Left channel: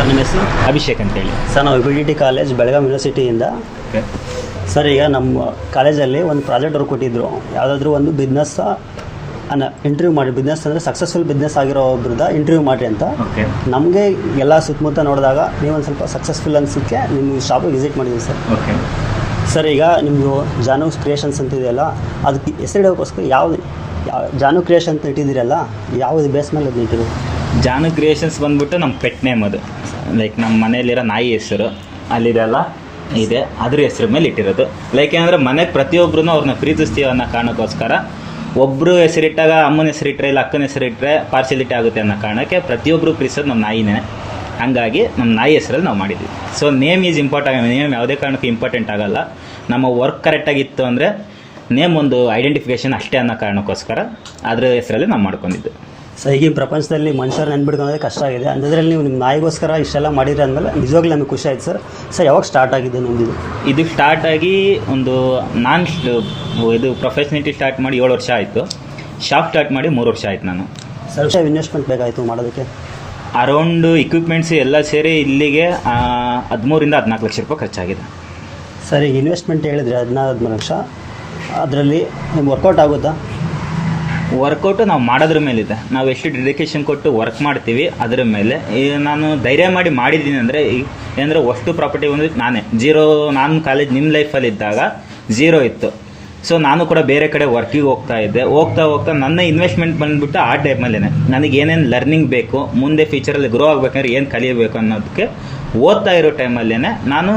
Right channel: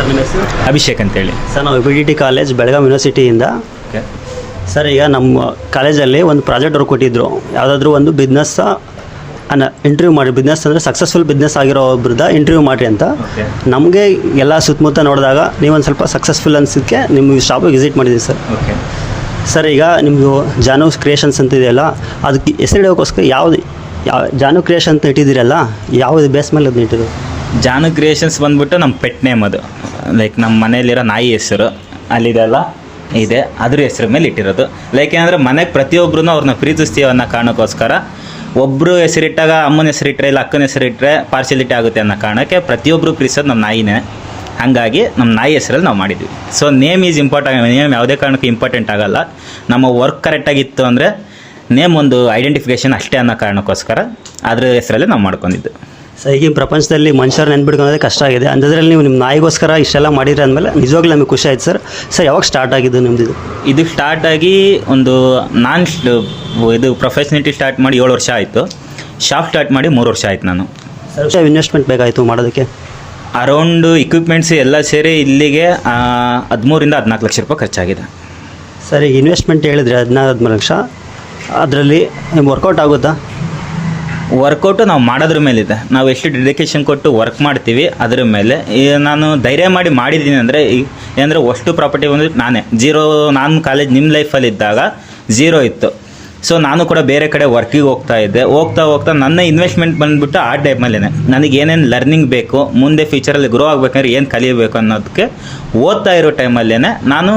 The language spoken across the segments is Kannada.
ಸರ್ ನಿಮ್ಮ ಹೆಸರು? ಅಭಿಷೇಕ್ ಅಂತೇಳಿ. ಸರ್ ನಾವು BDT ಕಾಲೇಜ್ ಬೆಳಗಾವಿ ಯೂನಿವರ್ಸಿಟಿಯಿಂದ. ಸರ್ ಈಗ ನಮ್ಮ ಕಾಲೇಜಲ್ಲಿ ಒಂದು ಪ್ರಾಜೆಕ್ಟ್ ಅವ್ರು ಕೊಟ್ಟಿದ್ದರು, ಯಾವುದಾದ್ರೂ ಒಂದು ಬಿಸ್ನೆಸ್ ಇಂಟರ್ವ್ಯೂ ಮಾಡಿ, ಬಿಸ್ನೆಸ್ ಅಂದರೆ ಸಕ್ಸಸ್ಫುಲ್ ಬಿಸ್ನೆಸ್ ಆಗಿರೋ ಒಬ್ರದ್ದು ಇಂಟರ್ವ್ಯೂ ಮಾಡಿರಿ ಅಂತ. ನಮಗೆ ಎಲ್ಲ ಸುತ್ತಮುತ್ತ ನೋಡಿದಾಗ ನೀವೊಂದು ಸ್ವಲ್ಪ ಸಕ್ಸಸ್ಫುಲ್ ಅನ್ಸೋಕ್ಕೆ ನಿಮ್ಮ ಶಾಪಿಗೆ ವಿಸಿಟ್ ಮಾಡಿದ್ದೀವಿ ಸರ್. ಸರ್ ಈಗ ನಿಮ್ಮದು ಜಾನು ಕ್ರಿಯೇಷನ್ಸ್ ಅಂತ ಇದೆಯಲ್ಲ, ಅದಕ್ಕೆ ಹೆಸರಿಡೋಕ್ಕೋಸ್ಕರ ಯಾವ ಜಾನು ಕ್ರಿಯೇಷನ್ ಅಂತ ಇಟ್ಟಿದ್ದೀರಲ್ಲ, ಯಾವುದು ಬೇಸ್ ಮೇಲೆ ಅದನ್ನ ಇಟ್ಟಿರೋದು? ಜಾನು ಕ್ರಿಯೇಷನ್ಸ್ ಬಂದ್ಬಿಟ್ಟು ನಮ್ಮ ಪೆಟ್ ನೇಮ್ ಅದು, ಲೈಕ್ ನಮ್ಮ ಮನೆಯಲ್ಲಿರೋ ನಾಯಿ ಹೆಸರು ಅಲ್ಲಿದೆಲ್ಲ ಇದೆ, ಅದ್ರ ಹೆಸರು ಮೇಲೆ ಇಟ್ಟಿರೋದು. ಲೈಕ್ ಏನಂದರೆ ಮನೆಗೆ ಪ್ರತಿಯೊಬ್ಬರೂ ಅವ್ರನ್ನ ಪ್ರೀತಿಸ್ತೀವಿ ಅನ್ನೋ ಕಾರಣಕ್ಕೋಸ್ಕರ ಒಬ್ಬರು ಹೆಸರಿಟ್ಟಾಗ ಅಮ್ಮನ ಹೆಸರಿಟ್ಟರೆ ಇಲ್ಲ ಅಕ್ಕನ ಹೆಸರಿಟ್ಟರೆ ಪಾರ್ಶಿಯಾಲಿಟಿ ಆಗುತ್ತೆ ಅನ್ನೋ ಕಾರಣಕ್ಕೆ ಪ್ರತಿಯೊಬ್ಬರು ಪ್ರೀತಿಸೋದು ನಮ್ಮ ನಾಯಿನೇ. ಹಾಗಾಗಿ ನಮ್ಮ ನಾಯಿ ಹೆಸರಲ್ಲಿ ನಾವು ಮಾಡಿದ್ವಿ. So name is important. Name ಯಾವುದೇ ಕಾರಣಕ್ಕೂ ಇಂಪಾರ್ಟೆಂಟ್ ಆಗಲ್ಲ. ನಮ್ಮ ವರ್ಕ್ ಕರೆಕ್ಟಾಗಿತ್ತು ಅಂದರೆ ನೇಮ್ ಒಂದು ಐಡೆಂಟಿಫಿಕೇಷನ್ ಅಷ್ಟೇ ಅನ್ನೋ ಕಾರಣಕ್ಕೋಸ್ಕರ ಅದ್ರ ಹೆಸರಲ್ಲೇ ನಾವು ಮಾಡ್ಕೊಂಡಿದ್ದು. ಸೊ ಈಗಿನ ಪ್ರಪಂಚದಲ್ಲಿ ಮನುಷ್ಯರು ನೆನ್ಬಿಡ್ಕೊಳ್ಳೋದೇ ಕಷ್ಟ ಆಗಿದೆ. ಅಂಥದ್ರಲ್ಲಿ ನೀವು ನಿಮ್ಮ ನಾಯಿಗೋಸ್ಕರ ಇಷ್ಟೆಲ್ಲ ಮಾಡಿರಿ ಅಂದಮೇಲೆ ನಿಜವಾಗ್ಲೂ ನಮಗೆ ಖುಷಿ ಆಯ್ತು ಸರ್. ಸರ್ ಯಾವಾಗ ಸ್ಟಾರ್ಟ್ ಆಗಿದ್ದು ನಿಮ್ಮದು? ಇದು ಸ್ಟಾರ್ಟ್ ಆಗಿ ಒಂದು ಇದು ಪ್ರೊಫೆಷನಿಟಿ ಸ್ಟಾರ್ಟ್ ಮಾಡಿ 7 ವರ್ಷ ಆಯಿತು. ಶಾಪ್ ಸ್ಟಾರ್ಟ್ ಮಾಡಿ 3 ವರ್ಷ ಆಯಿತು ನಾನು. ಸರ್ ಇನ್ವೆಸ್ಟ್ಮೆಂಟ್ ಬೇಕಾಯಿತು ಮಾಡೋದಕ್ಕೆ? ಅರೌಂಡ್ ಇಕ್ವಿಪ್ಮೆಂಟ್ಸ್ ಎಲ್ಲ ಸೇರಿ ಇಲ್ಲಿಗೆ 13 ರಿಂದ 14 ಲಕ್ಷ ರೂಪಾಯಿ ಖರ್ಚಾಗಿದೆ. ಸರ್ ಈಗ ಇನ್ವೆಸ್ಟ್ಮೆಂಟ್ ಹೇಳಿದ್ರೆ 14 ಲಕ್ಷ, ಅದರಲ್ಲಿ ನಿಮ್ಗೆ ವರ್ಕೌಟ್ ಆಗುತ್ತಾ? ವರ್ಕೌಟು ನಾವು ಮಾಡೋದ್ರ ಮೇಲಿದೆ. ನಾವು ಎಷ್ಟು ಡೆಡಿಕೇಶನ್ ಕೊಟ್ಟು ವರ್ಕ್ ಮಾಡ್ತೀವಿ ಅದ್ರ ಮೇಲೆ. ಈಗ ನಾನು ಧೈರ್ಯ ಮಾಡಿದ್ದೀನಿ ಅಂದರೆ ಏನಂದರೆ ಅಷ್ಟು ಪ್ರಾಪರ್ಟಿ ಬಂದು ನಾನೇ ಜೀರೋ. ನಾನು ಕಾಲೇಜ್ ನಿಮ್ಮ ಲೈಫಲ್ಲಿ ಇದ್ದಾಗ 0 ಇತ್ತು. ಸೊ ನಾನು ಕೂಡ ಬೇರೆ ಕಡೆ ವರ್ಕಿಗೆ ಹೋಗ್ತಾ ಇದ್ದೆ. ಹೋಗ್ತಾ ನನ್ನ ಇನ್ವೆಸ್ಟ್ಮೆಂಟ್ ಬಂದುಬಿಟ್ಟು ಆ ಟೈಮಲ್ಲೇ ನನಗೆ ಏನೇನು ಲರ್ನಿಂಗ್ ಬೇಕು, ಮುಂದೆ ಫ್ಯೂಚರಲ್ಲಿ ಗ್ರೋ ಆಗಬೇಕಂದ್ರೆ ಏನು ಕಲಿಯಬೇಕು ಅನ್ನೋದಕ್ಕೆ ಓದ್ತಾ ಇರೋ ಟೈಮಲ್ಲೇ ನಾನು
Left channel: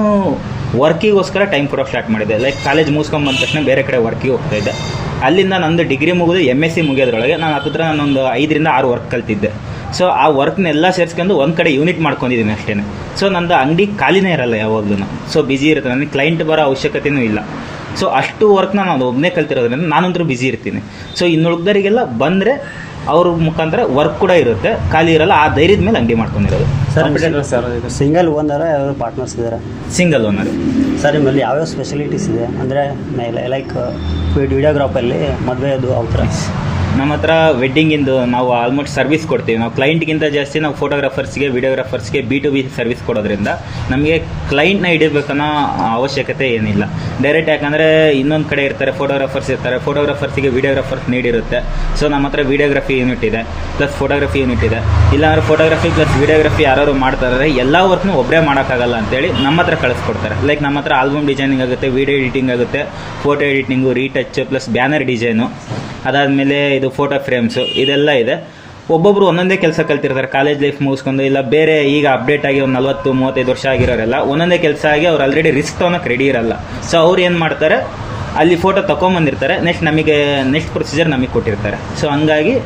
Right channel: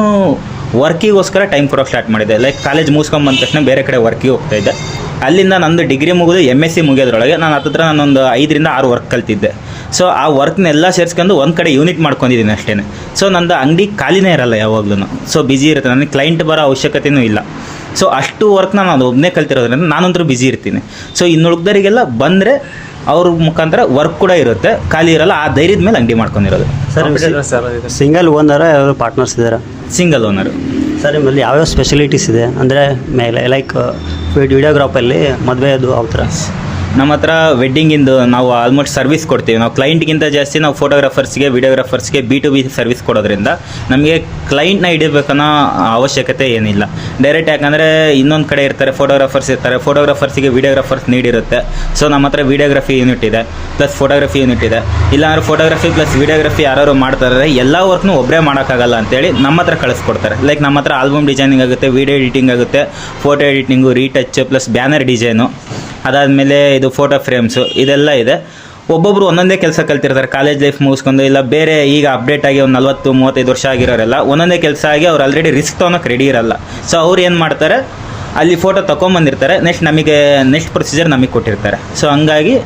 ವರ್ಕಿಗೋಸ್ಕರ ಟೈಮ್ ಕೊಡೋಕೆ ಸ್ಟಾರ್ಟ್ ಮಾಡಿದ್ದೆ. ಲೈಕ್ ಕಾಲೇಜ್ ಮುಗಿಸ್ಕೊಂಡು ಬಂದ ತಕ್ಷಣ ಬೇರೆ ಕಡೆ ವರ್ಕಿಗೆ ಹೋಗ್ತಾ ಇದ್ದೆ. ಅಲ್ಲಿಂದ ನಂದು ಡಿಗ್ರಿ ಮುಗಿದು MSc ಮುಗಿಯೋದ್ರೊಳಗೆ ನಾನು ಹತ್ತಿರ ನಾನೊಂದು 5 ರಿಂದ 6 ವರ್ಕ್ ಕಲ್ತಿದ್ದೆ. ಸೊ ಆ ವರ್ಕ್ನೆಲ್ಲ ಸೇರಿಸ್ಕೊಂಡು ಒಂದು ಕಡೆ ಯೂನಿಟ್ ಮಾಡ್ಕೊಂಡಿದ್ದೀನಿ ಅಷ್ಟೇ. ಸೊ ನಂದು ಅಂಗಡಿ ಖಾಲಿನೇ ಇರಲ್ಲ ಯಾವಾಗಲೂ. ಸೊ ಬ್ಯುಸಿ ಇರುತ್ತೆ, ನನಗೆ ಕ್ಲೈಂಟ್ ಬರೋ ಅವಶ್ಯಕತೆಯೂ ಇಲ್ಲ. ಸೊ ಅಷ್ಟು ವರ್ಕ್ನ ನಾನು ಒಬ್ಬನೇ ಕಲ್ತಿರೋದ್ರಿಂದ ನಾನಂತರೂ ಬ್ಯುಸಿ ಇರ್ತೀನಿ. ಸೊ ಇನ್ನು ಉಳಿದವರಿಗೆಲ್ಲ ಬಂದರೆ ಅವ್ರ ಮುಖಾಂತರ ವರ್ಕ್ ಕೂಡ ಇರುತ್ತೆ, ಖಾಲಿ ಇರಲ್ಲ. ಆ ಧೈರ್ಯದ ಮೇಲೆ ಅಂಗಡಿ ಮಾಡ್ಕೊಂಡಿರೋದು. ಸರ್ ಸಿಂಗಲ್ ಓನರ ಯಾವ್ಯಾವ ಪಾರ್ಟ್ನರ್ಸ್ ಇದ್ದಾರೆ? Single owner. ಸರ್ ನಿಮ್ಮಲ್ಲಿ ಯಾವ್ಯಾವ ಸ್ಪೆಷಲಿಟೀಸ್ ಇದೆ ಅಂದರೆ ಮೇಲೆ ಲೈಕ್ ವಿಡಿಯೋಗ್ರಾಫಲ್ಲಿ ಮದುವೆದು ಆ ಥರ? ನಮ್ಮ ಹತ್ರ ವೆಡ್ಡಿಂಗಿಂದು ನಾವು ಆಲ್ಮೋಸ್ಟ್ ಸರ್ವಿಸ್ ಕೊಡ್ತೀವಿ. ನಾವು ಕ್ಲೈಂಟ್ಗಿಂತ ಜಾಸ್ತಿ ನಾವು ಫೋಟೋಗ್ರಾಫರ್ಸ್ಗೆ ವಿಡಿಯೋಗ್ರಾಫರ್ಸ್ಗೆ B2B ಸರ್ವಿಸ್ ಕೊಡೋದ್ರಿಂದ ನಮಗೆ ಕ್ಲೈಂಟ್ನ ಹಿಡಿಬೇಕನ್ನೋ ಅವಶ್ಯಕತೆ ಏನಿಲ್ಲ. ಡೈರೆಕ್ಟ್ ಯಾಕಂದರೆ ಇನ್ನೊಂದು ಕಡೆ ಇರ್ತಾರೆ, ಫೋಟೋಗ್ರಾಫರ್ಸ್ ಇರ್ತಾರೆ, ಫೋಟೋಗ್ರಾಫರ್ಸಿಗೆ ವಿಡಿಯೋಗ್ರಾಫರ್ಸ್ ನೀಡಿರುತ್ತೆ. ಸೊ ನಮ್ಮ ಹತ್ರ ವಿಡಿಯೋಗ್ರಫಿ ಯೂನಿಟ್ ಇದೆ ಪ್ಲಸ್ ಫೋಟೋಗ್ರಫಿ ಯೂನಿಟ್ ಇದೆ. ಇಲ್ಲಾಂದ್ರೆ ಫೋಟೋಗ್ರಫಿ ಪ್ಲಸ್ ವಿಡಿಯೋಗ್ರಫಿ ಯಾರು ಮಾಡ್ತಾರೆ ಎಲ್ಲ ವರ್ಕ್ನು ಒಬ್ಬರೇ ಮಾಡೋಕ್ಕಾಗಲ್ಲ ಅಂತೇಳಿ ನಮ್ಮ ಹತ್ರ ಕಳಿಸ್ಕೊಡ್ತಾರೆ. ಲೈಕ್ ನಮ್ಮ ಹತ್ರ ಆಲ್ಬಮ್ ಡಿಸೈನಿಂಗ್ ಆಗುತ್ತೆ, ವಿಡಿಯೋ ಎಡಿಟಿಂಗ್ ಆಗುತ್ತೆ, photo editing, retouch plus banner design, ಅದಾದಮೇಲೆ ಇದು ಫೋಟೋ ಫ್ರೇಮ್ಸು, ಇದೆಲ್ಲ ಇದೆ. ಒಬ್ಬೊಬ್ಬರು ಒಂದೊಂದೇ ಕೆಲಸ ಕಲ್ತಿರ್ತಾರೆ. ಕಾಲೇಜ್ ಲೈಫ್ ಮುಗಿಸ್ಕೊಂಡು ಇಲ್ಲ ಬೇರೆ ಈಗ ಅಪ್ಡೇಟ್ ಆಗಿ ಒಂದು 40-35 ವರ್ಷ ಆಗಿರೋರೆಲ್ಲ ಒಂದೊಂದೇ ಕೆಲಸ ಆಗಿ ಅವ್ರು ಆಲ್ರೆಡಿ ರಿಸ್ಕ್ ತೊಗೊಳಕ್ಕೆ ರೆಡಿ ಇರಲ್ಲ. ಸೊ ಅವ್ರು ಏನು ಮಾಡ್ತಾರೆ, ಅಲ್ಲಿ ಫೋಟೋ ತೊಗೊಂಬಂದಿರ್ತಾರೆ, ನೆಕ್ಸ್ಟ್ ಪ್ರೊಸೀಜರ್ ನಮಗೆ ಕೊಟ್ಟಿರ್ತಾರೆ. ಸೊ ಹಂಗಾಗಿ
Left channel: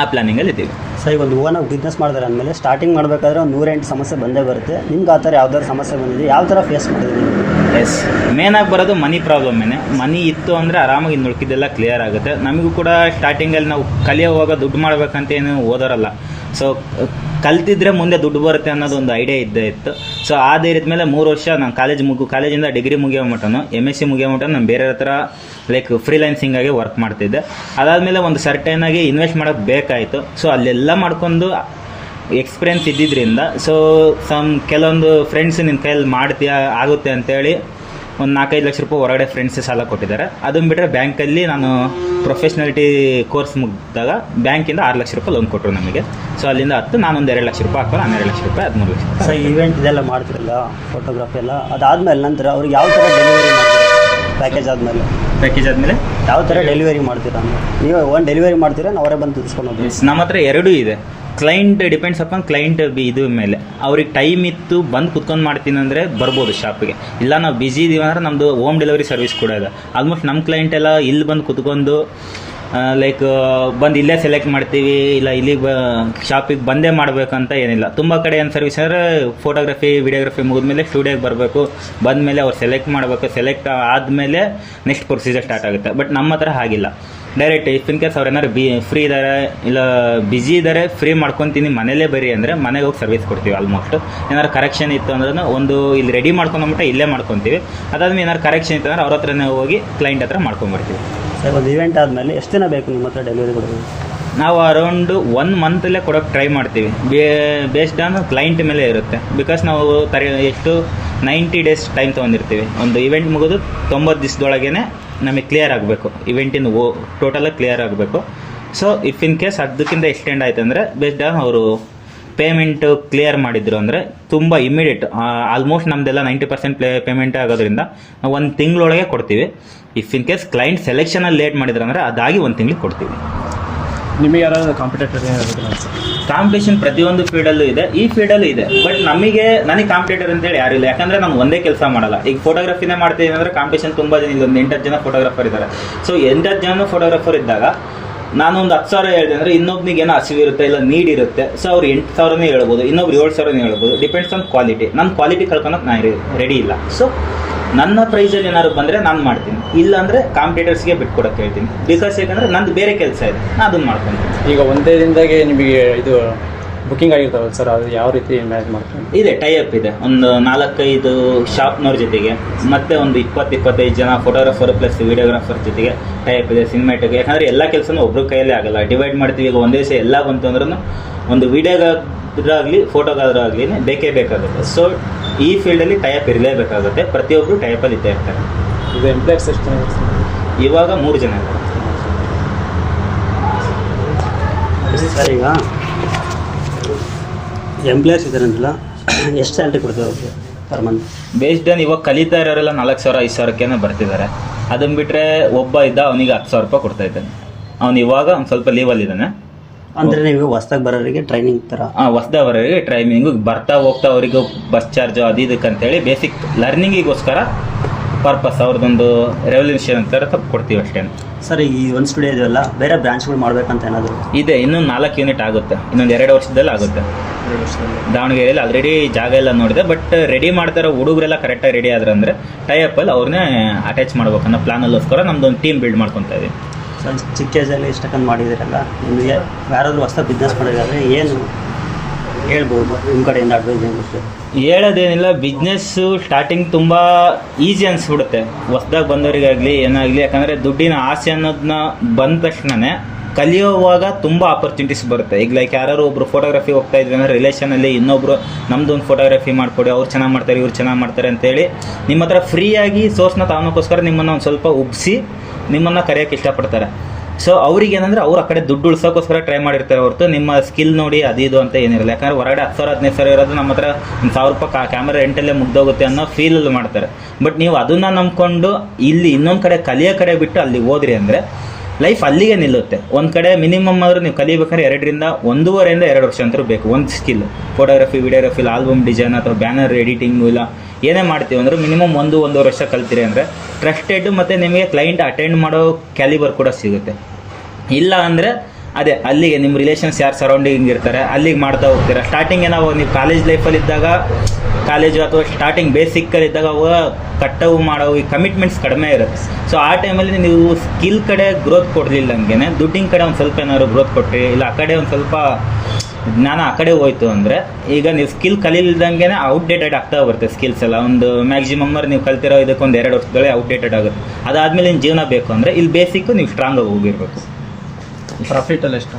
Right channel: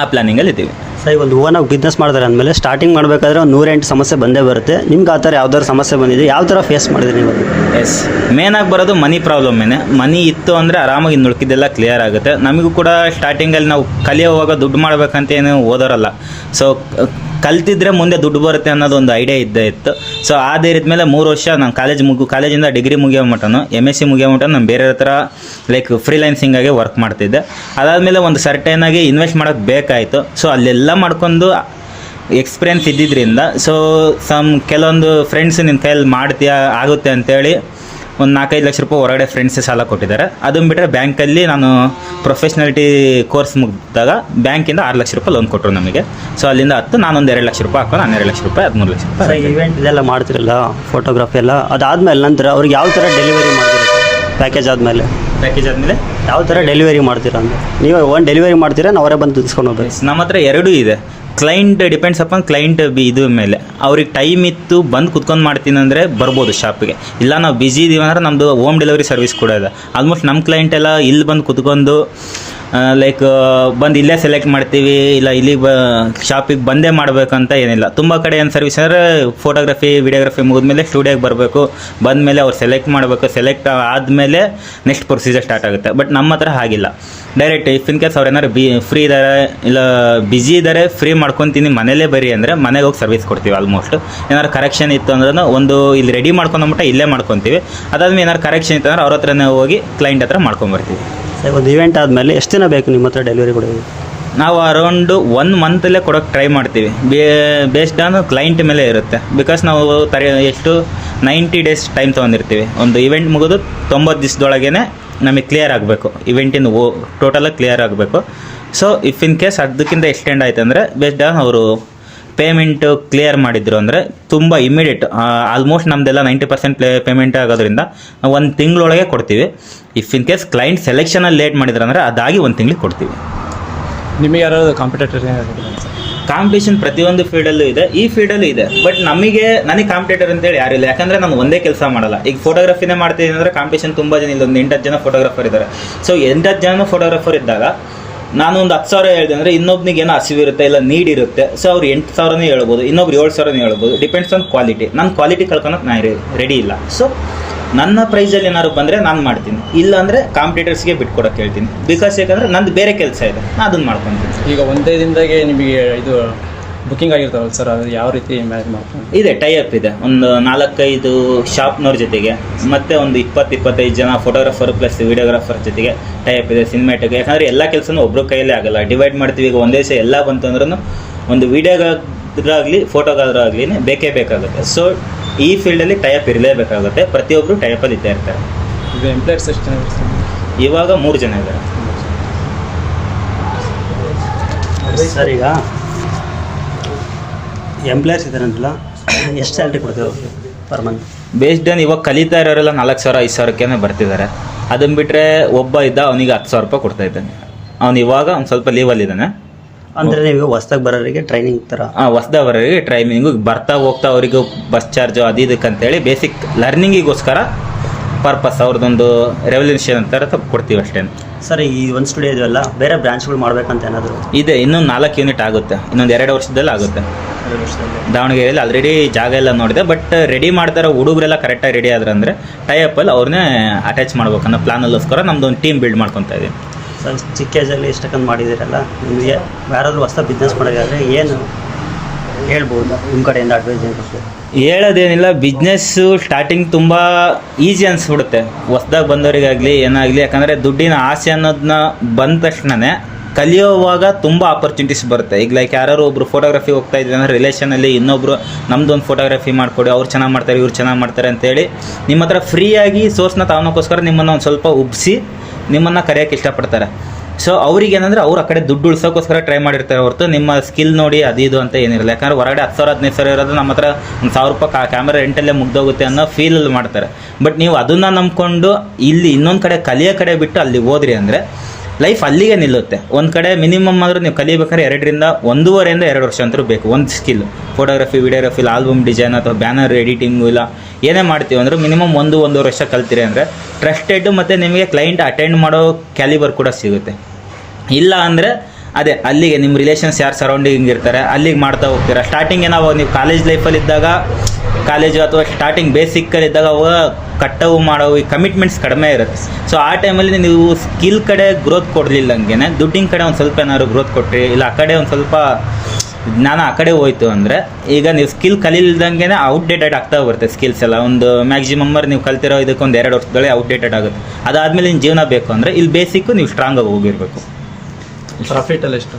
ಆ ಪ್ಲಾನಿಂಗಲ್ಲಿ ಇದ್ದೀವಿ. ಸರ್ ಈಗ ಒಂದು ಓನಾಗಿ ಬಿಸ್ನೆಸ್ ಮಾಡ್ತಾರೆ ಅಂದಮೇಲೆ ಸ್ಟಾರ್ಟಿಂಗ್ ಮಾಡಬೇಕಾದ್ರೆ ಒಂದು 108 ಸಮಸ್ಯೆ ಬಂದೇ ಬರುತ್ತೆ. ನಿಮ್ಗೆ ಆ ಥರ ಯಾವ್ದಾದ್ರು ಸಮಸ್ಯೆ ಬಂದಿದೆ? ಯಾವ ಥರ ಫೇಸ್ ಮಾಡಿದ್ರಿ ನೀವು? ಎಸ್, ಮೇನಾಗಿ ಬರೋದು ಮನಿ ಪ್ರಾಬ್ಲಮ್ಮೇನೆ. ಮನಿ ಇತ್ತು ಅಂದರೆ ಆರಾಮಾಗಿ ಇನ್ನು ಉಳ್ಕಿದ್ದೆಲ್ಲ ಕ್ಲಿಯರ್ ಆಗುತ್ತೆ. ನಮಗೂ ಕೂಡ ಸ್ಟಾರ್ಟಿಂಗಲ್ಲಿ ನಾವು ಕಲಿಯೋವಾಗ ದುಡ್ಡು ಮಾಡ್ಬೇಕಂತ ಏನು ಓದೋರಲ್ಲ. ಸೊ ಕಲ್ತಿದ್ರೆ ಮುಂದೆ ದುಡ್ಡು ಬರುತ್ತೆ ಅನ್ನೋದು ಒಂದು ಐಡಿಯಾ ಇದ್ದೇ ಇತ್ತು. ಸೊ ಆ ಧೈರ್ಯದ ಮೇಲೆ 3 ವರ್ಷ ನಾನು ಕಾಲೇಜಿಂದ ಡಿಗ್ರಿ ಮುಗಿಯೋ ಮಟ್ಟನು MSc ಮುಗಿಯೋ ಮಟ್ಟ ನಾನು ಬೇರೆ ಹತ್ರ ಲೈಕ್ ಫ್ರೀಲ್ಯಾನ್ಸಿಂಗಾಗಿ ವರ್ಕ್ ಮಾಡ್ತಿದ್ದೆ. ಅದಾದಮೇಲೆ ಒಂದು ಸರ್ಟೇನಾಗಿ ಇನ್ವೆಸ್ಟ್ ಮಾಡೋಕ್ಕೆ ಬೇಕಾಯಿತು. ಸೊ ಅಲ್ಲೆಲ್ಲ ಮಾಡ್ಕೊಂಡು ಎಕ್ಸ್ಪೀರಿಯನ್ಸ್ ಇದ್ದಿದ್ದರಿಂದ ಸೊ ಕೆಲವೊಂದು ಫ್ರೆಂಡ್ಸ್ ನಿನ್ನ ಕೈಯಲ್ಲಿ ಮಾಡ್ತೀಯಾ ಆಗುತ್ತೆ ಅಂತೇಳಿ ಒಂದು 4-5 ಲಕ್ಷ ರೂಪಾಯಿ ಹೊರಗಡೆ ಫ್ರೆಂಡ್ಸ್ ಸಾಲ ಕೊಟ್ಟಿದ್ದಾರೆ. ಅದನ್ನು ಬಿಟ್ಟರೆ ಬ್ಯಾಂಕಲ್ಲಿ ನಾನು ಪ್ರೊಫೆಷ್ನಾಲಿಟಿ ಕೋರ್ಸ್ ಮುಗಿದಾಗ ಬ್ಯಾಂಕಿಂದ 6 ಲಕ್ಷ ರೂಪಾಯಿ ಲೋನ್ ಕೊಟ್ಟರು ನಮಗೆ. ಸೊ ಅಲ್ಲಿಂದ ನಾನೊಂದು 2 ಲಕ್ಷ ರೂಪಾಯಿ ಹಾಕೊಂಡು 12 ಲಕ್ಷ ರೂಪಾಯಿ 13 ಲಕ್ಷ ರೂಪಾಯಿ. ಸರ್ ಈವೆಂಟ್ ಇದೆಲ್ಲ ಮಾಡ್ತಿರಲ್ಲ, ಫೋಟೋಗ್ರಫಿ ಎಲ್ಲ, ಅದಾದಮೇಲೆ ನಂತರ ಅವ್ರಿಗೆ ಯಾವ ಥರ ಡೆಲಿವರಿ ಮಾಡ್ತೀರಾ? ಪ್ಯಾಕೇಜ್ ಆದಮೇಲೆ ಯಾವ ಥರ ಡೆಲಿವರಿ ಮಾಡ್ತೀರಾ? ನೀವು ಒಂದು ಡೆಲಿವರಿ ಮಾಡ್ತೀರಾ, ನಾವು ಅವರೇ ಬಂದು ತಿಳ್ಸ್ಕೊಂಡು ಹೋಗ್ಬೇಕು? ನಮ್ಮ ಹತ್ರ 2 ಇದೆ. ಕ್ಲೈಂಟ್ ಡಿಪೆಂಡ್ಸ್ ಅಪಾನ್ ಕ್ಲೈಂಟ್ ಇದು ಮೇಲೆ. ಅವ್ರಿಗೆ ಟೈಮ್ ಇತ್ತು ಬಂದು ಕುತ್ಕೊಂಡು ಮಾಡ್ತೀನಿ ಅಂದರೆ ಬರ್ಬೋದು ಶಾಪಿಗೆ. ಇಲ್ಲ ನಾವು ಬ್ಯುಸಿ ಇದ್ದೀವಿ ಅಂದರೆ ನಮ್ಮದು ಹೋಮ್ ಡೆಲಿವರಿ ಸರ್ವಿಸ್ ಕೂಡ ಇದೆ. ಆಲ್ಮೋಸ್ಟ್ ನಮ್ಮ ಕ್ಲೈಂಟ್ ಎಲ್ಲ ಇಲ್ಲಿ ಬಂದು ಕುತ್ಕೊಂಡು ಲೈಕ್ ಬಂದು ಇಲ್ಲೇ ಸೆಲೆಕ್ಟ್ ಮಾಡ್ತೀವಿ, ಇಲ್ಲ ಇಲ್ಲಿಗೆ ಶಾಪಿಗೆ ಬಂದೇ ಮಾಡಬೇಕಂತ ಏನಿಲ್ಲ. ತುಂಬ ಕಡೆ ಏನು ಸರ್ವಿಸ್ ಅಂದರೆ ಫೋಟೋಗ್ರಫಿ ವಿಡಿಯೋಗ್ರಫಿ ಮುಗಿದ್ಮೇಲೆ ಸ್ಟುಡಿಯೋಗೆ ಬರಬೇಕು, ಬಂದಮೇಲೆ ಅವ್ರು ಸೆಲೆಕ್ಟ್ ಮಾಡಬೇಕು, ಸೆಲೆಕ್ಟ್ ಆದಮೇಲೆ ನೆಕ್ಸ್ಟ್ ಪ್ರೊಸೀಜರ್ ಸ್ಟಾರ್ಟ್ ಆಗುತ್ತೆ. ಬಟ್ ನಮ್ಮ ಹತ್ರ ಹಾಗಿಲ್ಲ. ಡೈರೆಕ್ಟ್ ಇಫ್ ಇನ್ ಕೇಸ್ ಅವ್ರು ಏನಾದ್ರು ಫ್ರೀ ಇದ್ದಾರೆ ಇಲ್ಲ ಬ್ಯುಸಿ ಇದ್ದಾರೆ, ಫ್ರೀ ಮಾಡ್ಕೊತೀನಿ ಮನೇಲೇ ಬರಿ ಅಂದರೆ ಮನೆಗೆ ಹೋಗಿ ಸರ್ವಿಸ್ ಕೊಡ್ತೀವಿ. ಆಲ್ಮೋಸ್ಟ್ ಏನಾದ್ರು ಕರೆಕ್ಷನ್ ಇತ್ತು ಅಂದ್ರೆ ಒಂದು ಇಲ್ಲಿ ರೆಡಿ ಮಾಡ್ಕೊಂಡ್ಬಿಟ್ಟು ಇಲ್ಲೇ ಮಾಡ್ಕೊತೀವಿ. ಅದಾದ್ಮೇಲೆ ಏನಾದ್ರು ಕರೆಕ್ಷನ್ ಇತ್ತು ಅಂದ್ರೆ ಅವ್ರ ಹತ್ರನೇ ಹೋಗಿ ಕ್ಲೈಂಟ್ ಹತ್ರ ಮಾಡ್ಕೊಂಬರ್ತೀವಿ. ಒಂದು ಇವೆಂಟ್ ಆದಮೇಲೆ ಎಷ್ಟು ದಿನ ಬೇಕು ನಿಮ್ಮ ಹತ್ರ ಡೆಲಿವರಿ ಕೊಡೋದು? ನಾವು ಅರೌಂಡು 1 ಮಂತಲ್ಲೇ ಕೊಡೋಕ್ಕೆ ಟ್ರೈ ಮಾಡ್ತೀವಿ. ಬೇಸ್ಡ್ ಆನ್ ಕ್ಲೈಂಟ್ ಮೇಲೆ ಇರುತ್ತೆ. ಬಿಕಾಸ್ ನಾವು ಎಷ್ಟು 90 ಡೇಸ್ ಟೈಮ್ ತೊಗೊಂಡಿರ್ತೀವಿ. ಒಂದು ಇವೆಂಟ್ ಮುಗಿದು 90 ದಿವಸದೊಳಗೇ ನಮಗೆ ಕ್ಲಿಯರ್ ಆಗಬೇಕು, ಇವೆಂಟಿನ ಟೋಟಲಾಗಿ ಕ್ಲಿಯರ್ ಆಗಬೇಕು. ಸೊ ಇಫ್ ಇನ್ ಕೇಸ್ ಅದಕ್ಕಿಂತ ಎಕ್ಸ್ಟೆಂಡ್ ಆಯ್ತು ಅಂದರೆ ಬೇಸ್ಡ್ ಆನ್ ಅವರು ಪೇಮೆಂಟು ಕ್ಲಿಯರ್ ಮಾಡಿದ್ರು ಅಂದರೆ ತುಂಬ ಇಮಿಡಿಯೇಟ್, ಆಲ್ಮೋಸ್ಟ್ ನಮ್ಮದೆಲ್ಲ 90% ಪೇಮೆಂಟ್ ಆಗೋದ್ರಿಂದ ನಾವು 1 ತಿಂಗಳೊಳಗೆ ಕೊಡ್ತೀವಿ. ಇಫ್ ಇನ್ ಕೇಸ್ ಕ್ಲೈಂಟ್ ಸೆಲೆಕ್ಷನಲ್ಲಿ ಲೇಟ್ ಮಾಡಿದ್ರು ಅಂದರೆ ಅದಾಗಿ 1 ತಿಂಗಳಿಗೆ ಕೊಡ್ತೀವಿ. ನಿಮಗೆ ಯಾರಾದ್ರು ಕಾಂಪಿಟೇಟರ್ ಏನಾದ್ರು ಸರ್? ಕಾಂಪಿಟೇಷನ್ ಪ್ರತಿಯೊಂದು ಫೀಲ್ಡಲ್ಲೂ ಇದೆ, ಈ ಫೀಲ್ಡಲ್ಲೂ ಇದೆ. ಬಟ್ ನನಗೆ ಕಾಂಪಿಟೇಟರ್ ಅಂತೇಳಿ ಯಾರು ಇಲ್ಲ. ಯಾಕಂದರೆ ನಾನು ಒಂದೇ ಕೆಲಸ ಮಾಡಲ್ಲ. ಈಗ ಫೋಟೋಗ್ರಫಿನೇ ಮಾಡ್ತಿದ್ದೀನಿ ಅಂದರೆ ಕಾಂಪಿಟೇಷನ್ ತುಂಬ ಜನ ಇಲ್ಲ, ಒಂದು 8-10 ಜನ ಫೋಟೋಗ್ರಾಫರ್ ಇದ್ದಾರೆ. ಸೊ 8-10 ಜನ ಫೋಟೋಗ್ರಾಫರ್ ಇದ್ದಾಗ ನಾನು ಒಂದು 10,000 ಹೇಳಿದೆ ಅಂದರೆ ಇನ್ನೊಬ್ನಿಗೆ ಏನೋ ಹಸಿವಿರುತ್ತೆ, ಇಲ್ಲ ನೀಡ್ ಇರುತ್ತೆ. ಸೊ ಅವ್ರು 8,000ನೇ ಹೇಳ್ಬೋದು, ಇನ್ನೊಬ್ರು 7,000ನೇ ಹೇಳ್ಬೋದು. Depends on quality. ನನ್ನ ಕ್ವಾಲಿಟಿ ಕಳ್ಕೊಳಕ್ಕೆ ನಾನು ರೆಡಿ ಇಲ್ಲ. ಸೊ ನನ್ನ ಪ್ರೈಸಲ್ಲಿ ಏನಾದ್ರು ಬಂದರೆ ನಾನು ಮಾಡ್ತೀನಿ, ಇಲ್ಲ ಅಂದರೆ ಕಾಂಪಿಟೇಟರ್ಸ್ಗೆ ಬಿಟ್ಕೊಡೋಕೆ ಹೇಳ್ತೀನಿ. ಬಿಕಾಸ್ ಯಾಕಂದರೆ ನಂದು ಬೇರೆ ಕೆಲಸ ಇದೆ, ನಾನು ಅದನ್ನು ಮಾಡ್ಕೊತೀನಿ. ಈಗ ಒಂದೇ ದಿನದಾಗೆ ನಿಮಗೆ ಇದು ಬುಕ್ಕಿಂಗ್ ಆಗಿರ್ತಾವಲ್ಲ ಸರ್, ಅದು ಯಾವ ರೀತಿ ಮ್ಯಾನೇಜ್ ಮಾಡ್ಕೊಂಡು? ಇದೆ, ಟೈಅಪ್ ಇದೆ. ಒಂದು 4-5 ಶಾಪ್ನವ್ರ ಜೊತೆಗೆ, ಮತ್ತು ಒಂದು 20-25 ಜನ ಫೋಟೋಗ್ರಾಫರ್ ಪ್ಲಸ್ ವಿಡಿಯೋಗ್ರಾಫರ್ ಜೊತೆಗೆ ಟೈಅಪ್ ಇದೆ. ಸಿನಿಮ್ಯಾಟಿಕ್, ಯಾಕಂದರೆ ಎಲ್ಲ ಕೆಲಸನೂ ಒಬ್ಬರು ಕೈಯಲ್ಲೇ ಆಗಲ್ಲ, ಡಿವೈಡ್ ಮಾಡ್ತೀವಿ. ಈಗ ಒಂದೇ ದಿವಸ ಎಲ್ಲ ಬಂತು ಅಂದ್ರೂ ಒಂದು ವಿಡಿಯೋಗಾದ್ರಾಗಲಿ ಫೋಟೋಗಾದ್ರಾಗಲಿ ಬೇಕೇ ಬೇಕಾಗುತ್ತೆ. ಸೊ ಈ ಫೀಲ್ಡಲ್ಲಿ ಟೈಅಪ್ ಇರಲೇಬೇಕಾಗುತ್ತೆ. ಪ್ರತಿಯೊಬ್ಬರು ಟೈಅಪಲ್ಲಿ ಇದ್ದೇ ಇರ್ತಾರೆ. ಈಗ ಎಂಪ್ಲಾಯರ್ಸ್ ಎಷ್ಟು ಜನ ಇರ್ತಾರೆ? ಇವಾಗ 3 ಜನ ಇದ್ದಾರೆ ಸರ್. ಈಗ ಎಂಪ್ಲಾಯರ್ಸ್ ಇದ್ದಾರೆ ಅಂತಲ್ಲ, ಎಷ್ಟು ಸ್ಯಾಲ್ರಿ ಕೊಡ್ತೀವಿ ಅವ್ರಿಗೆ ಪರ್ ಮಂತ್? ಬೇಸ್ಡ್ ಆನ್ ಇವಾಗ ಕಲಿತಾ ಇರೋರೆಲ್ಲ 4,000-5,000ಕ್ಕೆ ಬರ್ತಿದ್ದಾರೆ. ಅದನ್ನು ಬಿಟ್ಟರೆ ಒಬ್ಬ ಇದ್ದ, ಅವನಿಗೆ 10,000 ರೂಪಾಯಿ ಕೊಡ್ತಾ ಇದ್ದಾನೆ. ಅವ್ನು ಇವಾಗ ಒಂದು ಸ್ವಲ್ಪ ಲೀವಲ್ಲಿದ್ದಾನೆ. ಅಂದರೆ ನೀವು ಹೊಸ್ದಾಗಿ ಬರೋರಿಗೆ ಟ್ರೈನಿಂಗ್ ಥರ? ಹೊಸ್ದಾಗಿ ಬರೋರಿಗೆ ಟ್ರೈನಿಂಗು, ಬರ್ತಾ ಹೋಗ್ತಾ ಅವರಿಗೂ ಬಸ್ ಚಾರ್ಜು ಅದು ಇದಕ್ಕಂತೇಳಿ ಬೇಸಿಕ್ ಲರ್ನಿಂಗಿಗೋಸ್ಕರ ಪರ್ಪಸ್ ಅವ್ರದ್ದೊಂದು ರೆವಲ್ಯೂಷನ್ ಅಂತ ಕೊಡ್ತೀವಿ ಅಷ್ಟೇ. ಸರ್, ಈ ಒಂದು ಸ್ಟುಡಿಯೋ ಇದೆಯಲ್ಲ, ಬೇರೆ ಬ್ರಾಂಚ್ಗಳು ಮಾಡ್ಬೇಕಂತ ಏನಾದರೂ ಇದೆ. ಇನ್ನೊಂದು 4 ಯೂನಿಟ್ ಆಗುತ್ತೆ, ಇನ್ನೊಂದು 2 ವರ್ಷದಲ್ಲಿ ಆಗುತ್ತೆ. 2 ವರ್ಷದಲ್ಲಿ ದಾವಣಗೆರೆಯಲ್ಲಿ ಆಲ್ರೆಡಿ ಜಾಗ ಎಲ್ಲ ನೋಡಿದೆ. ಬಟ್ ರೆಡಿ ಮಾಡ್ತಾರೋ ಹುಡುಗರೆಲ್ಲ ಕರೆಕ್ಟಾಗಿ ರೆಡಿ ಆದ್ರೆ ಅಂದರೆ ಟೈಅಪ್ಪಲ್ಲಿ ಅವ್ರನ್ನೇ ಅಟ್ಯಾಚ್ ಮಾಡ್ಬೇಕನ್ನೋ ಪ್ಲಾನಲ್ಗೋಸ್ಕರ ನಮ್ಮದು ಒಂದು ಟೀಮ್ ಬಿಲ್ಡ್ ಮಾಡ್ಕೊತಾ ಇದ್ದೀವಿ. ಸರ್, ಚಿಕ್ಕ ಏಜಲ್ಲಿ ಇಷ್ಟಕ್ಕಂದು ಮಾಡಿದ್ದೀರಲ್ಲ, ನಿಮಗೆ ಯಾರಾದರೂ ಹೊಸ ಬಿಸ್ನೆಸ್ ಮಾಡಿದ್ರೆ ಏನು ಹೇಳ್ಬೋದು ನಿಮ್ಮ ಕಡೆಯಿಂದ ಅಡ್ವೈಸ್ ಏನು? ಹೇಳೋದೇನಿಲ್ಲ, ಬಿಸ್ನೆಸ್ಸು ಸ್ಟಾರ್ಟಿಂಗ್ ತುಂಬ ಈಸಿ ಅನಿಸ್ಬಿಡುತ್ತೆ ಹೊಸ್ದಾಗಿ ಬಂದವರಿಗಾಗಲಿ ಏನಾಗಲಿ. ಯಾಕಂದರೆ ದುಡ್ಡಿನ ಆಸೆ ಅನ್ನೋದನ್ನ ಬಂದ ತಕ್ಷಣವೇ ಕಲಿಯೋವಾಗ ತುಂಬ ಆಪರ್ಚುನಿಟೀಸ್ ಬರುತ್ತೆ. ಈಗ ಲೈಕ್ ಯಾರು ಒಬ್ಬರು ಫೋಟೋಗ್ರಫಿ ಹೋಗ್ತಾ ಇದ್ದಾರೆ ಅಂದರೆ ರಿಲೇಷನಲ್ಲಿ ಇನ್ನೊಬ್ಬರು ನಮ್ಮದೊಂದು ಫೋಟೋಗ್ರಫಿ ಮಾಡಿಕೊಡಿ, ಅವ್ರು ಚೆನ್ನಾಗಿ ಮಾಡ್ತಾರೆ, ಇವ್ರು ಚೆನ್ನಾಗಿ ಮಾಡ್ತಾರೆ ಅಂತೇಳಿ ನಿಮ್ಮ ಹತ್ರ ಫ್ರೀಯಾಗಿ ಸೋರ್ಸ್ನ ತಗೊಳಕ್ಕೋಸ್ಕರ ನಿಮ್ಮನ್ನು ಒಂದು ಸ್ವಲ್ಪ ಉಬ್ಬಿಸಿ ನಿಮ್ಮನ್ನು ಕರೆಯೋಕ್ಕೆ ಇಷ್ಟಪಡ್ತಾರೆ. ಸೊ ಅವ್ರಿಗೆ ಏನಂದರೆ ಅವ್ರು ಆ ಕಡೆ ದುಡ್ಡು ಉಳ್ಸೋಕ್ಕೋಸ್ಕರ ಟ್ರೈ ಮಾಡಿರ್ತಾರೆ ಹೊರತು ನಿಮ್ಮ ಸ್ಕಿಲ್ ನೋಡಿ ಅದು ಇದು ಅಂತ ಏನಿರಲ್ಲ. ಯಾಕಂದರೆ ಹೊರಗಡೆ 10,000-15,000 ಇರೋದು ನಮ್ಮ ಹತ್ರ ಒಂದು 1,000 ರೂಪಾಯಿ ಕ್ಯಾಮ್ರಾ ರೆಂಟಲ್ಲೇ ಮುಗ್ದೋಗುತ್ತೆ ಅನ್ನೋ ಫೀಲಲ್ಲಿ ಮಾಡ್ತಾರೆ. ಬಟ್ ನೀವು ಅದನ್ನು ನಂಬ್ಕೊಂಡು ಇಲ್ಲಿ ಇನ್ನೊಂದು ಕಡೆ ಕಲಿಯೋ ಕಡೆ ಬಿಟ್ಟು ಅಲ್ಲಿ ಹೋದ್ರಿ ಅಂದರೆ ಲೈಫ್ ಅಲ್ಲಿಗೆ ನಿಲ್ಲುತ್ತೆ. ಒಂದು ಕಡೆ ಮಿನಿಮಮ್ ಆದರೂ ನೀವು ಕಲಿಬೇಕಾದ್ರೆ 1.5 ವರ್ಷ ಅಂತೂ ಬೇಕು. ಒಂದು skill photography, videography, album design ಅಥವಾ ಬ್ಯಾನರ್ ಎಡಿಟಿಂಗು ಇಲ್ಲ ಏನೇ ಮಾಡ್ತೀವಿ ಅಂದರೆ ಮಿನಿಮಮ್ 1-1.5 ವರ್ಷ ಕಲ್ತೀರಿ ಅಂದರೆ ಟ್ರಸ್ಟೆಡ್ ಮತ್ತು ನಿಮಗೆ ಕ್ಲೈಂಟ್ ಅಟೆಂಡ್ ಮಾಡೋ ಕ್ಯಾಲಿಬರ್ ಕೂಡ ಸಿಗುತ್ತೆ. ಇಲ್ಲ ಅಂದರೆ ಅದೇ ಅಲ್ಲಿಗೆ ನಿಮ್ಮ ರಿಲೇಷನ್ಸ್ ಯಾರು ಸರೌಂಡಿಂಗ್ ಇರ್ತಾರೆ ಅಲ್ಲಿಗೆ ಮಾಡ್ತಾ ಹೋಗ್ತೀರಾ. ಸ್ಟಾರ್ಟಿಂಗ್ ನಾವು ನೀವು ಕಾಲೇಜ್ ಲೈಫಲ್ಲಿ ಇದ್ದಾಗ, ಕಾಲೇಜು ಅಥವಾ ಸ್ಟಾರ್ಟಿಂಗ್ ಬೇಸಿಕ್ಕಲ್ಲಿ ಇದ್ದಾಗ ಕಟ್ಟವು ಮಾಡೋವು ಈ ಕಮಿಟ್ಮೆಂಟ್ಸ್ ಕಡಿಮೆ ಇರುತ್ತೆ. ಸೊ ಆ ಟೈಮಲ್ಲಿ ನೀವು ಸ್ಕಿಲ್ ಕಡೆ ಗ್ರೋತ್ ಕೊಡಲಿಲ್ಲ, ಹಂಗೆ ದುಡ್ಡಿನ ಕಡೆ ಒಂದು ಸ್ವಲ್ಪ ಏನಾದ್ರು ಗ್ರೋತ್ ಕೊಟ್ಟರೆ, ಇಲ್ಲ ಆ ಕಡೆ ಒಂದು ಸ್ವಲ್ಪ ಜ್ಞಾನ ಆ ಕಡೆ ಹೋಯ್ತು ಅಂದರೆ ಈಗ ನೀವು ಸ್ಕಿಲ್ ಕಲಿಲ್ದಂಗೆ ಔಟ್ಡೇಟೆಡ್ ಆಗ್ತಾ ಬರುತ್ತೆ. ಸ್ಕಿಲ್ಸ್ ಎಲ್ಲ ಒಂದು ಮ್ಯಾಕ್ಸಿಮಮ್ ನೀವು ಕಲ್ತಿರೋ ಇದಕ್ಕೆ ಒಂದು 2 ವರ್ಷದಲ್ಲೇ ಔಟ್ಡೇಟೆಡ್ ಆಗುತ್ತೆ. ಅದಾದಮೇಲೆ ನಿಮ್ಮ ಜೀವನ ಬೇಕು ಅಂದರೆ ಇಲ್ಲಿ ಬೇಸಿಕ್ಕು ನೀವು ಸ್ಟ್ರಾಂಗಾಗಿ ಹೋಗಿರಬೇಕು. ಪ್ರಾಫಿಟಲ್ಲಿ ಎಷ್ಟು?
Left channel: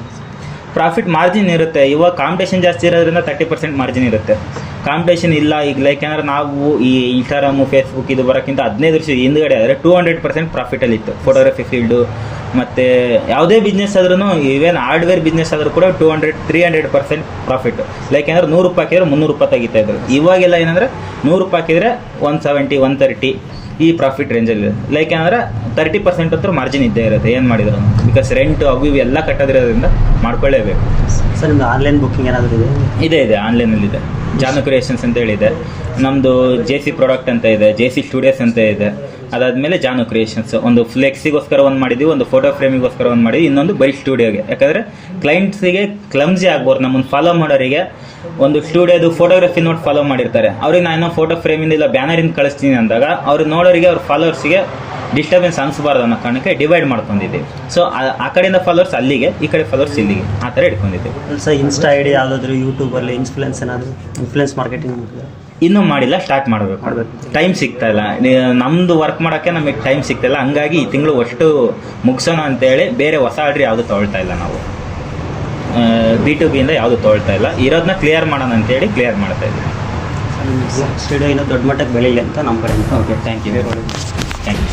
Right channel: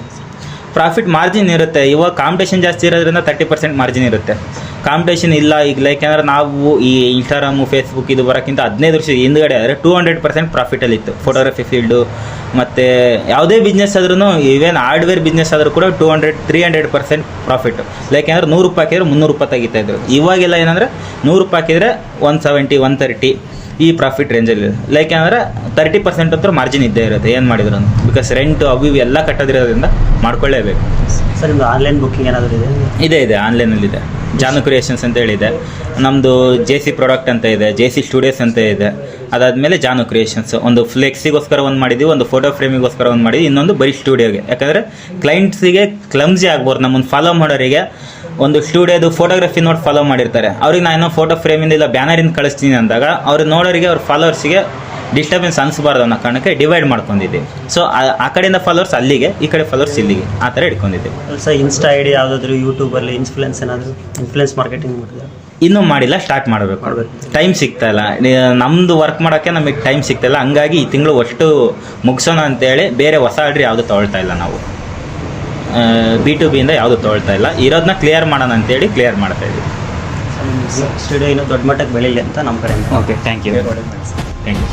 ಪ್ರಾಫಿಟ್ ಮಾರ್ಜಿನ್ ಇರುತ್ತೆ. ಇವಾಗ ಕಾಂಪಿಟೇಷನ್ ಜಾಸ್ತಿ ಇರೋದ್ರಿಂದ 30% ಮಾರ್ಜಿನ್ ಇರುತ್ತೆ. ಕಾಂಪಿಟೇಷನ್ ಇಲ್ಲ ಈಗ ಲೈಕ್ ಏನಾದ್ರೆ ನಾವು ಈ ಇನ್ಸ್ಟಾಗ್ರಾಮು, ಫೇಸ್ಬುಕ್ ಇದು ಬರೋಕ್ಕಿಂತ 15 ವರ್ಷದ ಹಿಂದುಗಡೆ ಆದರೆ 200% ಪ್ರಾಫಿಟಲ್ಲಿ ಇತ್ತು ಫೋಟೋಗ್ರಫಿ ಫೀಲ್ಡು. ಮತ್ತು ಯಾವುದೇ ಬಿಸ್ನೆಸ್ ಆದ್ರೂ, ಈವೇನ್ ಹಾರ್ಡ್ವೇರ್ ಬಿಸ್ನೆಸ್ ಆದರೂ ಕೂಡ 200-300% ಪ್ರಾಫಿಟ್. ಲೈಕ್ ಏನಾದ್ರೆ 100 ರೂಪಾಯಿ ಹಾಕಿದ್ರೆ 300 ರೂಪಾಯಿ ತೆಗಿತಾ ಇದ್ರು. ಇವಾಗೆಲ್ಲ ಏನಂದರೆ 100 ರೂಪಾಯಿ ಹಾಕಿದರೆ 170-130 ಈ ಪ್ರಾಫಿಟ್ ರೇಂಜಲ್ಲಿ. ಲೈಕ್ ಏನಂದರೆ 30% ಅಂತೂ ಮಾರ್ಜಿನ್ ಇದ್ದೇ ಇರುತ್ತೆ ಏನು ಮಾಡಿದ್ರು. ಬಿಕಾಸ್ ರೆಂಟು ಅವು ಇವು ಎಲ್ಲ ಕಟ್ಟೋದ್ರಿಂದ ಮಾಡ್ಕೊಳ್ಳೇಬೇಕು. ಸರ್, ನಿಮ್ಮದು ಆನ್ಲೈನ್ ಬುಕ್ಕಿಂಗ್ ಏನಾದರೂ ಇದೆ ಆನ್ಲೈನಲ್ಲಿದೆ. ಜಾನು ಕ್ರಿಯೇಷನ್ಸ್ ಅಂತ ಹೇಳಿದೆ, ನಮ್ಮದು JC ಪ್ರಾಡಕ್ಟ್ ಅಂತ ಇದೆ, JC ಸ್ಟುಡಿಯೋಸ್ ಅಂತ ಇದೆ. ಅದಾದಮೇಲೆ ಜಾನು ಕ್ರಿಯೇಷನ್ಸ್ ಒಂದು ಫ್ಲೆಕ್ಸಿಗೋಸ್ಕರ ಒಂದು ಮಾಡಿದ್ವಿ, ಒಂದು ಫೋಟೋ ಫ್ರೇಮಿಗೋಸ್ಕರ ಒಂದು ಮಾಡಿದ್ವಿ, ಇನ್ನೊಂದು ಬರೀ ಸ್ಟುಡಿಯೋಗೆ. ಯಾಕಂದರೆ ಕ್ಲೈಂಟ್ಸಿಗೆ ಕ್ಲಮ್ಸಿ ಆಗ್ಬೋದು. ನಮ್ಮನ್ನು ಫಾಲೋ ಮಾಡೋರಿಗೆ ಒಂದು ಸ್ಟುಡಿಯೋದು ಫೋಟೋಗ್ರಫಿ ನೋಡಿ ಫಾಲೋ ಮಾಡಿರ್ತಾರೆ, ಅವ್ರಿಗೆ ನಾನು ಫೋಟೋ ಫ್ರೇಮಿಂದ ಇಲ್ಲ ಬ್ಯಾನರಿಂದ ಕಳಿಸ್ತೀನಿ ಅಂದಾಗ ಅವ್ರು ನೋಡೋರಿಗೆ ಅವ್ರ ಫಾಲೋವರ್ಸಿಗೆ ಡಿಸ್ಟರ್ಬೆನ್ಸ್ ಅನಿಸಬಾರ್ದು ಅನ್ನೋ ಕಾರಣಕ್ಕೆ ಡಿವೈಡ್ ಮಾಡ್ಕೊಂಡಿದ್ದೀವಿ. ಸೊ ಆ ಕಡೆಯಿಂದ ಫಾಲೋವರ್ಸ್ ಅಲ್ಲಿಗೆ, ಈ ಕಡೆ ಫಾಲೋವರ್ಸ್ ಇಲ್ಲಿಗೆ, ಆ ಥರ ಇಟ್ಕೊಂಡಿದ್ದೀವಿ. ಸರ್, ಇನ್ಸ್ಟಾ ಐಡಿ ಯಾವುದಾದ್ರು ಯೂಟ್ಯೂಬಲ್ಲಿ ಇನ್ಫ್ಲುಯೆನ್ಸ್ ಮಾರ್ಕೆಟಿಂಗ್ ಮಾಡಿದ್ರೆ ಇನ್ನೂ ಮಾಡಿಲ್ಲ, ಸ್ಟಾರ್ಟ್ ಮಾಡಬೇಕು. ಟೈಮ್ ಸಿಗ್ತಾ ಇಲ್ಲ, ನಮ್ಮದು ವರ್ಕ್ ಮಾಡೋಕ್ಕೆ ನಮಗೆ ಟೈಮ್ ಸಿಗ್ತಾಯಿಲ್ಲ. ಹಂಗಾಗಿ ಈ ತಿಂಗಳು ಅಷ್ಟು ಮುಗಿಸೋಣ ಅಂತೇಳಿ ಬೇರೆ ಹೊಸ ಆರ್ಡ್ರ್ ಯಾವುದು ತೊಗೊಳ್ತಾ ಇಲ್ಲ ನಾವು. B2B ಇಂದ ಯಾವುದು ತೊಗೊಳ್ತಾ ಇಲ್ಲ, ಇರೋದನ್ನ ಕ್ಲಿಯರ್ ಮಾಡೋಣ ಅಂತೇಳಿ ಕ್ಲಿಯರ್ ಮಾಡ್ತಾ ಇದ್ದೀವಿ. ಸ್ಟುಡಿಯೋ ಇನ್ನೂ ದೊಡ್ಡ ಮಟ್ಟಕ್ಕೆ ಬೆಳೀಲಿ ಅಂತ ನಮ್ಮ ಕಡೆಯಿಂದ. Okay, thank you. Thank you.